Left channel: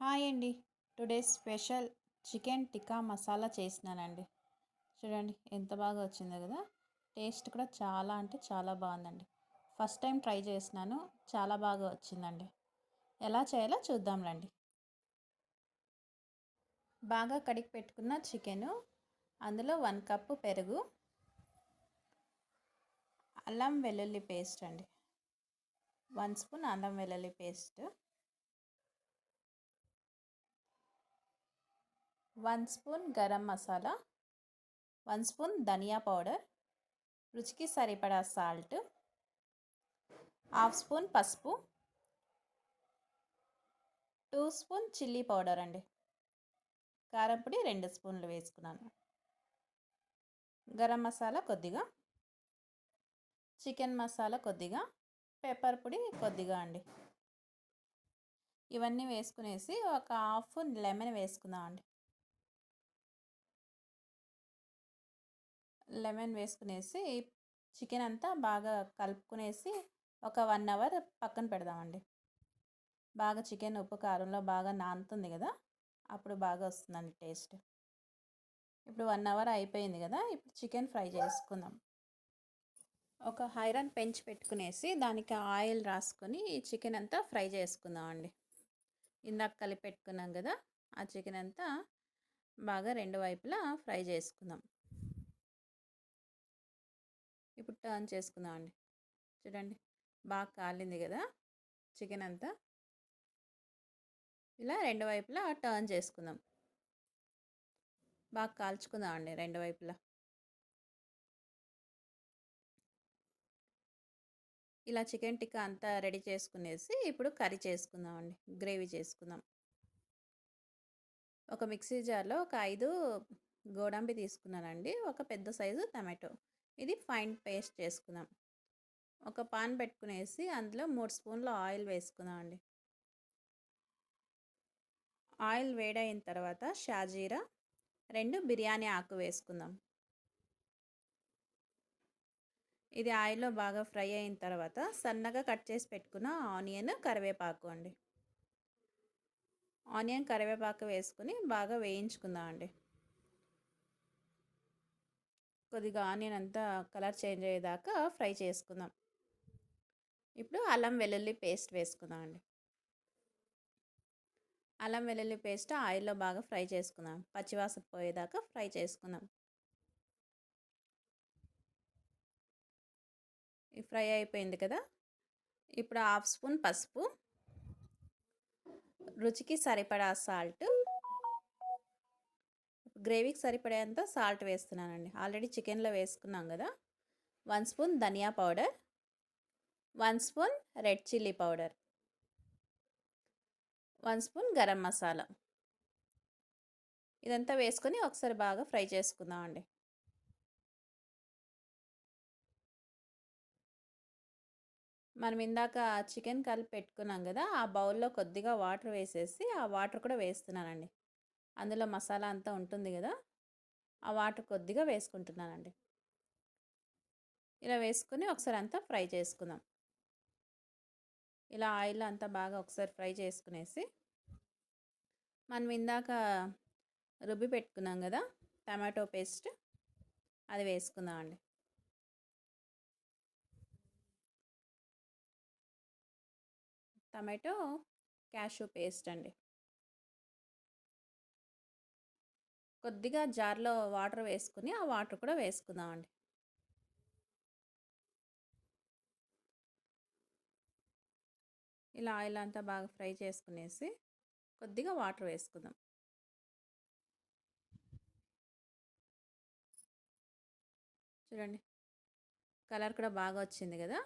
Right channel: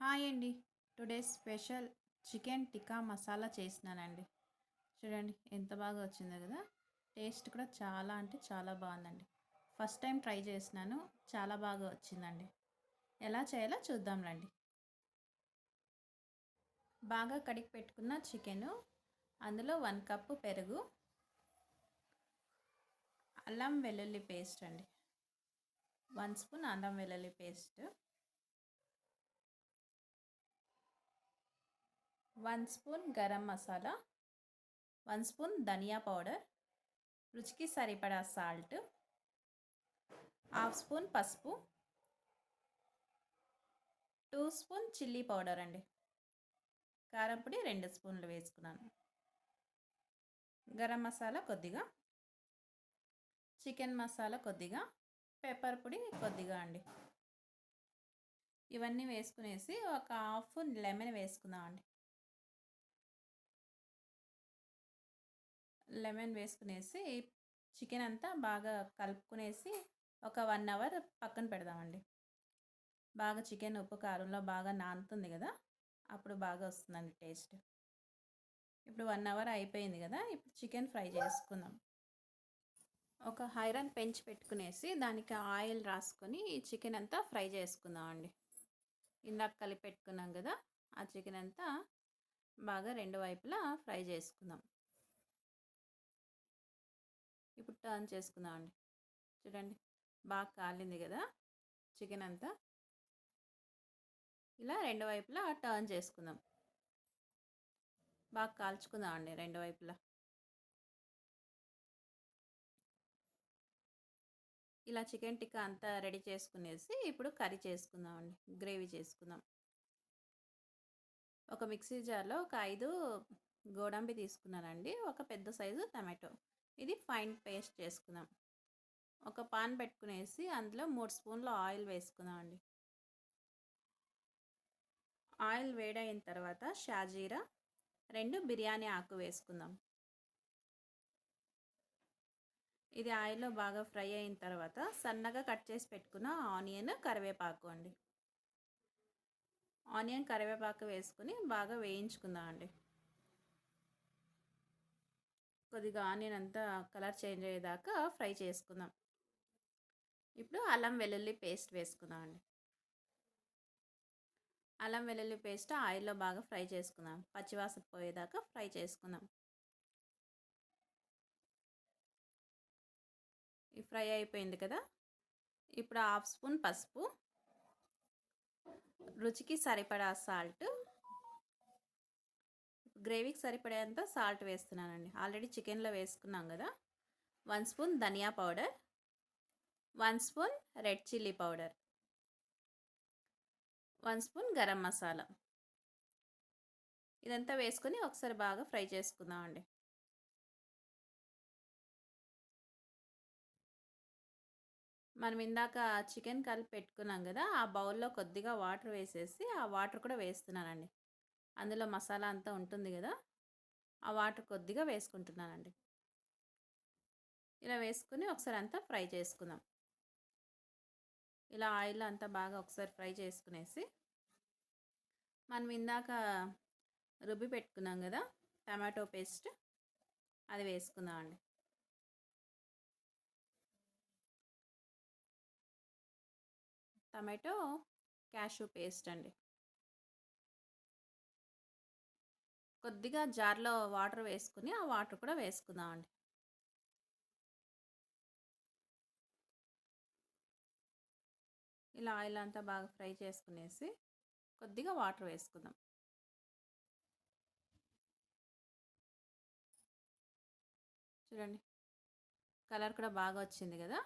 Hi అండి. Today special chicken tikka masala చేసినానండి. చూడండి ఎంత బాగా వచ్చిందో కదా! టేస్ట్ కూడా చాలా అంటే చాలా బాగుందండి. ఫస్ట్ టైం ట్రై చేసినాను. చాలా బాగా వచ్చిందండి. ఎలా చేయాలో చూద్దాం రండి. బాగా కడిగి పెట్టుకున్న చికెను, అందులో 1 కప్పు పెరుగు, అల్లం వెల్లుల్లి పేస్ట్ అండి, 1 స్పూన్ అల్లం వెల్లుల్లి paste, 1 spoon garam masala, 1 spoon ధనియా పౌడర్, రుచికి సరిపడా సాల్ట్, హాఫ్ స్పూన్ పసుపు, 2 స్పూన్ చిల్లీ పౌడర్ అండి. కారం పొడి 2 స్పూన్లు వేసుకున్నాను. గరం మసాలా కొద్దిగా, చికెన్ మసాలా కొద్దిగా, పెప్పర్ పొడి కొద్దిగా అండి. ఇవన్నీ వేసుకునేసి ఒక హాఫ్ లెమన్ వేసుకుందాం అండి. లెమన్ వేసుకునేసి చికెన్ అంతా బాగా కలుపుకునేసి ఒక 1 అవర్ పక్కన పెడదామండి. బాగా చికెన్ ఉప్పు కారంలో బాగా నానుతుంది కదా, అప్పుడు బాగా వస్తుందండి టేస్ట్. ఇప్పుడు 1 అవర్ అయిపోయింది కదా, ఇప్పుడు చికెన్ ఫ్రై చేసుకుందాం. ఒక ఐరన్ పెంచి పెట్టుకునేసి దానికి ఆయిల్ రాసుకొని చికెన్ అంతా ఫ్రై చేసుకుందాం అండి. ఇందాక కలిపి పెట్టుకున్నాం కదా, ఆ చికెన్ అంతా బాగా 2 వైపులా ఫ్రై చేసుకుందాం. ఇప్పుడు టర్న్ చేసుకుందాం అండి. చూడండి బాగా కాలింది కదా చికెన్ అంతా. ఇలా 2 వైపులా టర్న్ చేసుకుందాం. బాగా కాల్చుకుందాం అండి 2 వైపులా. ఇలా చికెన్ టిక్కా అంతా రెడీ చేసుకునేసి ఇప్పుడు కర్రీ చేసుకుందాం అండి. గ్రేవీ చేసుకుందాం. ఒక మిక్సీ జార్లో ఒక 5 గోడంబి తీసుకున్నానండి. ఒక పెద్ద సైజు టమాటో. ఇది ఫైన్ పేస్ట్ చేసుకుందాం. ఒక పాన్ పెట్టుకునేసి అందులో 3 స్పూన్ల ఆయిల్ వేసుకుందాం అండి. ఆయిల్ వేడైన తర్వాత షాజీరా, 2 బిర్యానీ ఆకు వేసుకుందాం. ఇది ఆయిల్లో బాగా ఫ్రై అయిన తర్వాత సన్నగా కట్ చేసి పెట్టుకున్న ఆనియన్, కరివేపాకు అండి. ఆనియన్, కరివేపాకు వేసుకుని బాగా వేయించుకుందాం అండి. కొద్దిగా ఆనియన్ అంతా కలర్ చేంజ్ అయ్యేదాకా ఫ్రై చేసుకుందాం. ఇప్పుడు అల్లం వెల్లుల్లి పేస్ట్ వేసుకుందాం అండి. అల్లం వెల్లుల్లి పేస్ట్ ఆయిల్లో బాగా ఫ్రై చేసుకుందాం. పచ్చివాసన పోయేదాకా ఫ్రై చేసుకుందాం. ఈ ఫ్రై అయిపోయింది కదా, ఇప్పుడు హాఫ్ స్పూన్ పసుపు, రుచికి సరిపడా సాల్ట్, గ్రేవీకి సరిపడేంత సాల్ట్ వేస్తున్నానండి. ఆల్రెడీ చికెన్లో వేసుకున్నాం కదా. 1 స్పూన్ ధనియా powder, 1 spoon red chilli powder, 1 spoon garam masala. ఇదంతా వేసుకొని ఒకసారి బాగా ఫ్రై చేసుకుందాం అండి. మనం ఇందాక చికెన్ కలిపి పెట్టుకున్నాం కదా, ఆ బౌల్లో కొద్దిగా వాటర్ వేసేసి ఆ వాటర్ కూడా వేస్తున్నానండి. అందులో మసాలా అంతా ఉంటుంది కదా, ఆ వాటర్ కొద్దిగా వేసుకుంటున్నానండి. ఇలా వేసుకొని ఒకసారి అంతా ఫ్రై చేసుకుందాం. ఇలా ఆయిల్ అంతా బాగా ఒకసారి ఫ్రై చేసుకునేసి మనం ఇందాక రుబ్బి పెట్టుకున్నాం కదా టమాటో పేస్ట్, అది వేసుకుందాం అండి. టమాటో క్యాషూ పేస్ట్ అండి. కొద్దిగా జార్లో వాటర్ వేసుకుని ఆ వాటర్ కూడా వేసుకుందాం అండి. ఇలా ఆయిల్ అంతా బాగా ఫ్రై చేసుకునేసి కొద్దిగా వాటర్ వేసుకుందాం. చూడండి కలర్ కూడా బాగా వచ్చింది కదా.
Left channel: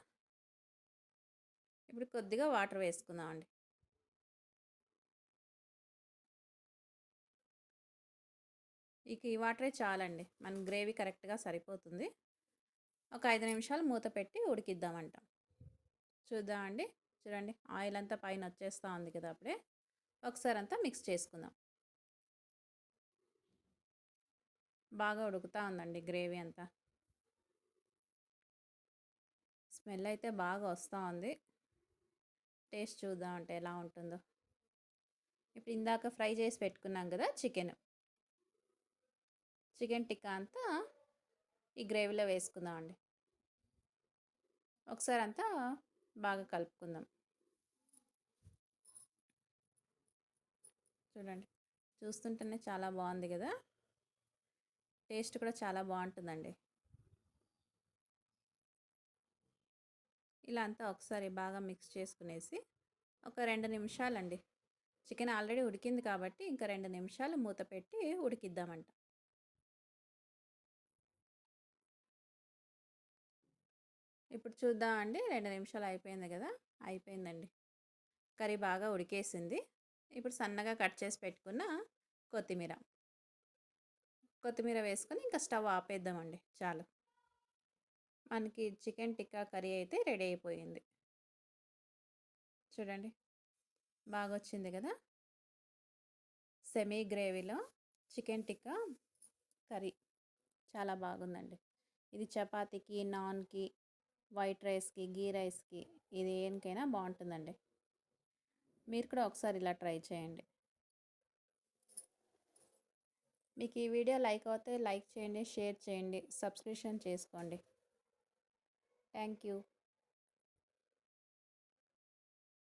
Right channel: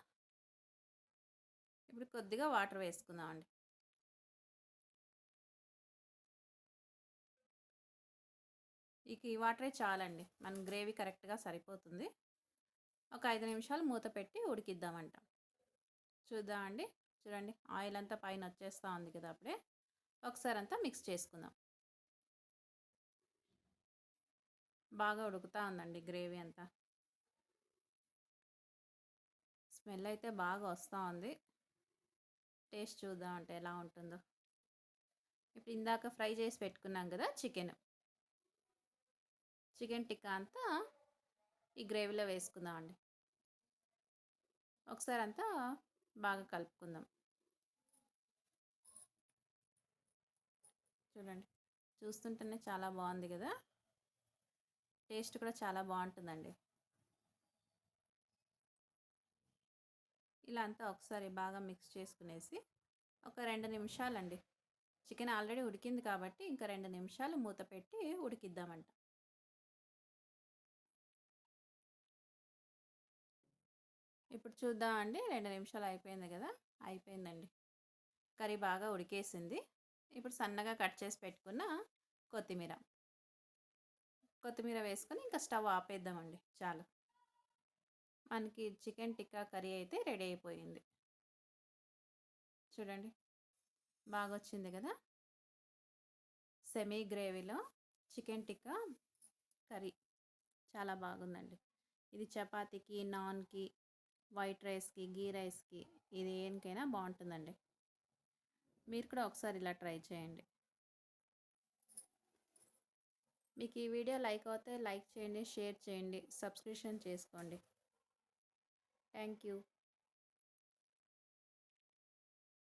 ఇప్పుడు కొద్దిగా వాటర్ వేసుకుందాం అండి. ఇక ఈ వాటరే చాలండి, మన గ్రేవీ కరెక్ట్గా సరిపోతుంది. ఒక 5 నిమిషాలు మూత పెట్టి ఉడికిద్దామంట. చూద్దామండి. చూడండి ఆయిల్ అంతా పైన వచ్చేస్తూ ఉంది కదా, అప్పుడే ఒకసారి అంతా మిక్స్ చేసుకుందాం. బాగా ఉడుకుతూ ఉందండి గ్రేవీ అంతా. స్మెల్ అయితే బాగా వస్తూ ఉంది. టేస్ట్ చూద్దామంటే ఎలా ఉంటుందో. ఇప్పుడు ఇందాక ఫ్రై చేసి పెట్టుకున్నాం కదా చికెన్ టిక్కా అంతా ఈ గ్రేవీలో వేసుకుందామండి. ఒకసారి అంతా బాగా కలుపుకుందాం. చూడండి, చూస్తుంటేనే చాలా బాగుంది కదా. టేస్ట్ కూడా చాలా బాగుంటుందండి. ఇలా అంతా ఒకసారి బాగా మిక్స్ చేసుకునేసి ఒక 2 నిమిషాలండి. చికెన్ ఆల్రెడీ ఉడికింది కాబట్టి ఇంకా 2 నిమిషాలు మూత పెట్టి ఉడికిద్దామంట. ఇప్పుడు చూద్దామండి. 2 నిమిషాలు అయిపోయింది కదా. అయిపోయిందండి. కర్రీ బాగా ఉడికేసింది. ఇప్పుడు సన్నగా కట్ చేసి పెట్టుకున్న కొత్తిమీర వేసుకొని ఇంకా స్టవ్ ఆపేద్దామండి. చాలు, మనకి చికెన్ టిక్కా కర్రీ అయితే రెడీ అయిపోయింది. చూడండి, బాగా వచ్చింది కదా. సెమీ గ్రేవీలో చికెన్ టిక్కా కర్రీ చాలా బాగుందండి. ఇది చపాతీకి, నాన్కి, వైట్ రైస్కి, గీ రైస్కి, ఇది దేనికైనా బాగుంటుందండి. మీరు కూడా ఒకసారి ఇలా ట్రై చేయండి. మీకు ఈ వీడియో లైక్ అవుతే లైక్ చేయండి, షేర్ చేయండి, సబ్స్క్రిప్షన్ చేసుకోండి. Thank you.